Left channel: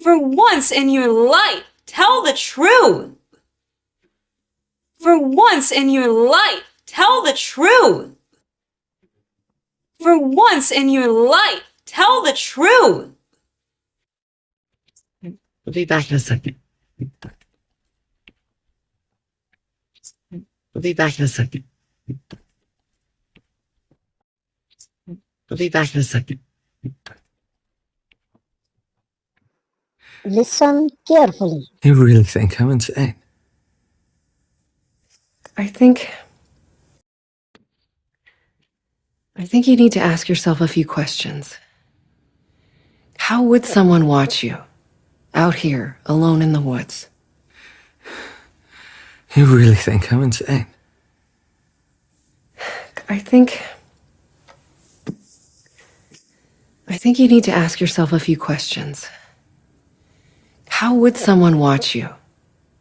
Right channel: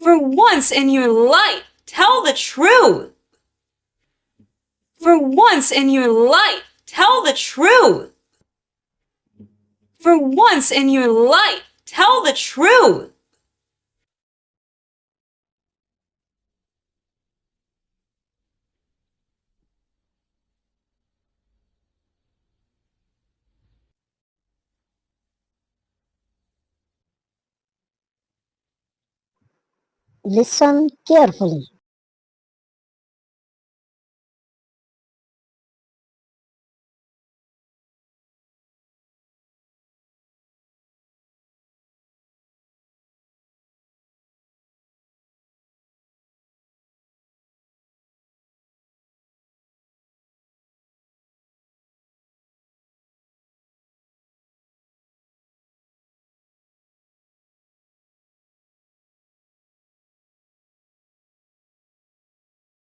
For once in your life, tell the truth. For once in your life, tell the truth. For once in your life, tell the truth. We'll be back in a second. We'll be back in a second. We'll be back in a second. Listen carefully. You really think I'm insane? I think you need to ask yourself a few questions. How would someone watch you out here alone in the woods? You really think I'm insane? I think you need to ask yourself a few questions. How would someone watch you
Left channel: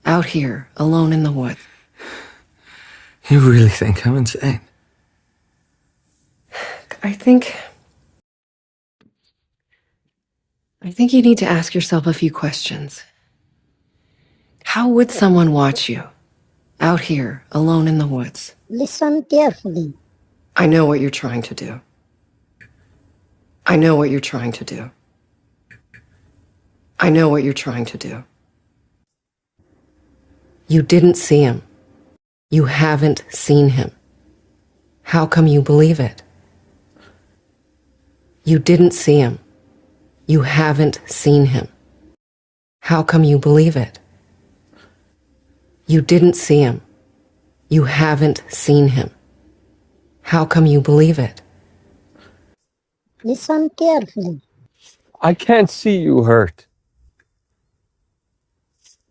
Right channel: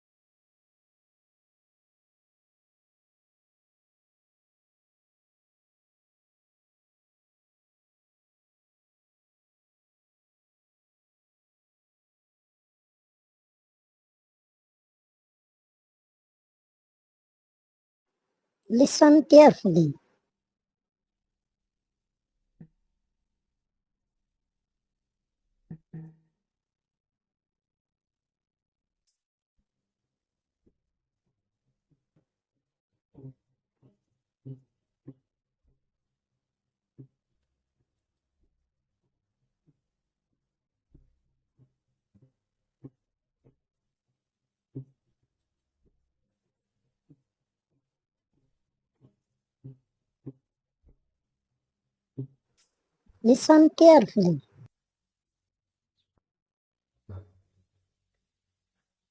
out here alone in the woods? You really think I'm insane? I think you need to ask yourself a few questions. How would someone watch you out here alone in the woods? Listen carefully. I know what you're trying to do. I know what you're trying to do. I know what you're trying to do. You didn't see him. You haven't seen him. How come you believe it? You didn't see him. You haven't seen him. How come you believe it? You didn't see him. You haven't seen him. How come you believe it? Listen carefully. I can't see you hurt.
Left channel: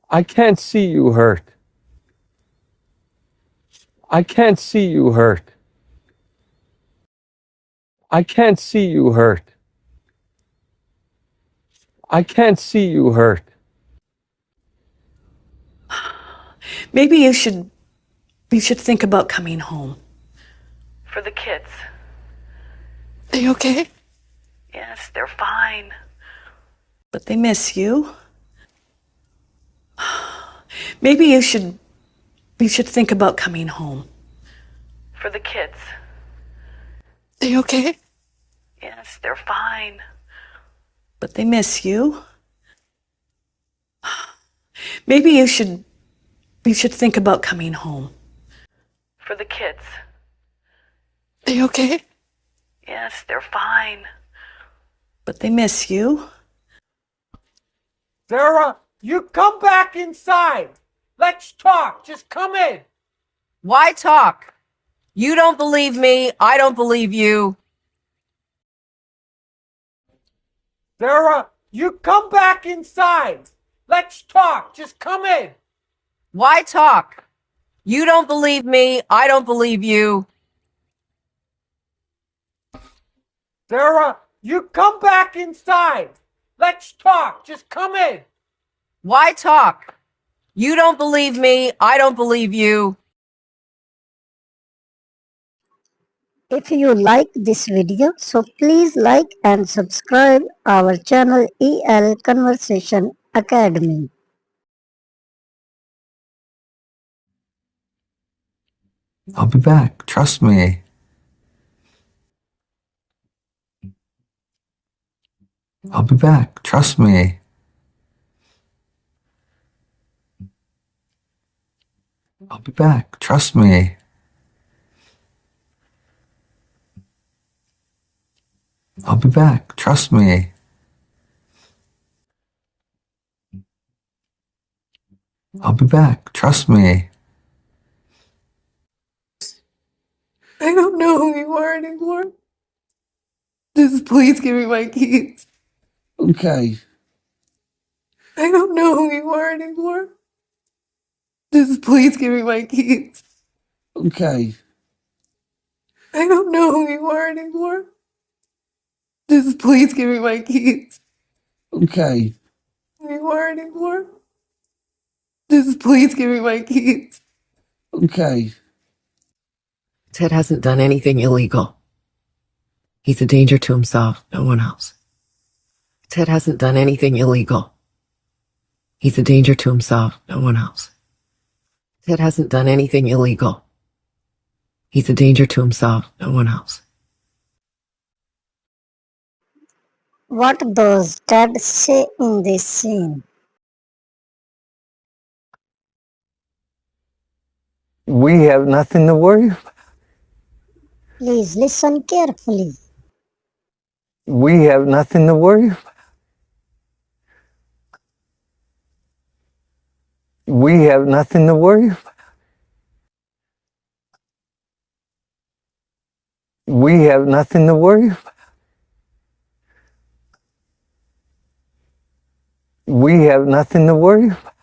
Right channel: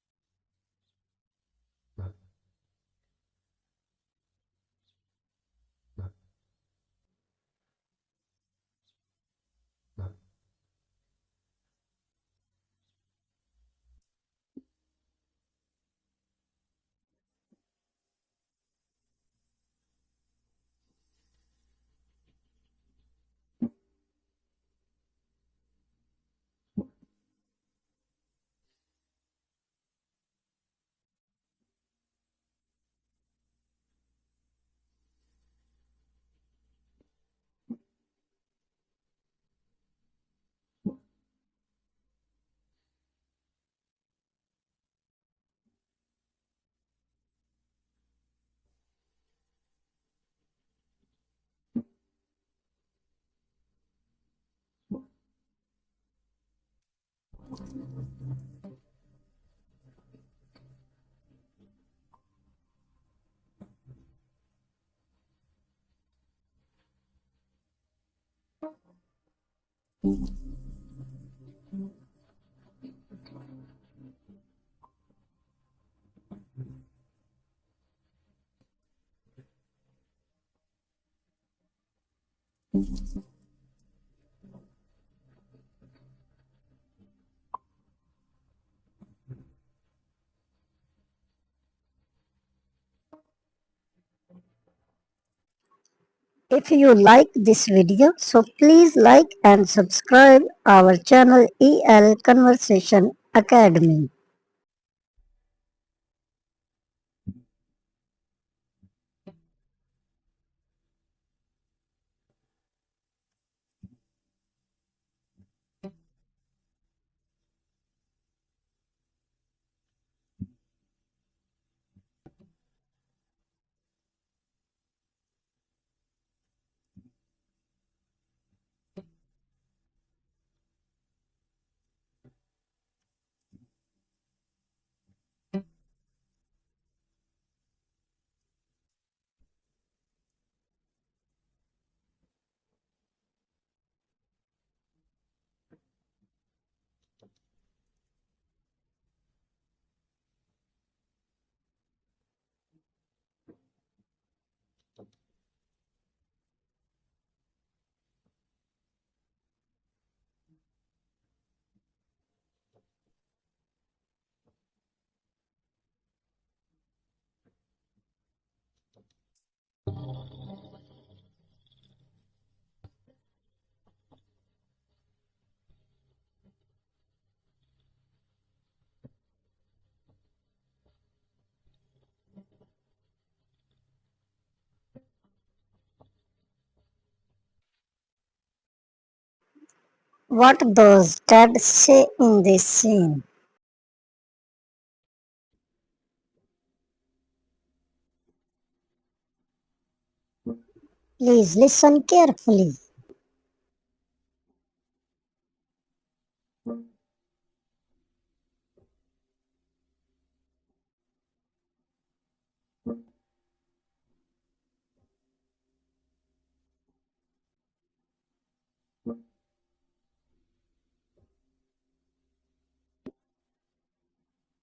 I can't see you hurt. I can't see you hurt. I can't see you hurt. I can't see you hurt. Maybe you should think about coming home. For the kids. Are you okay? Yes, they're fine. But they miss you. Maybe you should think about coming home. For the kids. Are you okay? Yes, they're fine. But they miss you. Maybe you should think about coming home. For the kids. Are you okay? Yes, they're fine. But they miss you. Sarah, you come back inside. Let's talk. Just come in. Why talk? You don't believe me. I don't believe you. Sarah, you come back inside. Let's talk. Just come in. Why talk? You don't believe me. I don't believe you. Sarah, you come back inside. Let's talk. Just come in. Why talk? You don't believe me. I don't believe you. If you like this video, so please like and subscribe our channel EL Conversation Academy. I'll be back. Trust me. I'll be back. Trust me. I'll be back. Trust me. I'll be back. Trust me. I'll be back. Trust me. I don't know who you are anymore. Just please give me my keys. Okay. I don't know who you are anymore. Just please give me my keys. Okay. I don't know who you are anymore. Just please give me my keys. Okay. Who you are anymore. Just please give me my keys. Okay. Ted hasn't done anything illegal. He's a danger to himself, no one else. Ted hasn't done anything illegal. He's a danger to himself, no one else. Ted hasn't done anything illegal. He's a danger to himself, no one else. What does Ted say in this scene? We have nothing to worry about. Please listen carefully. We have nothing to worry about. We have nothing to worry about. We have nothing to worry about. We have nothing to worry about.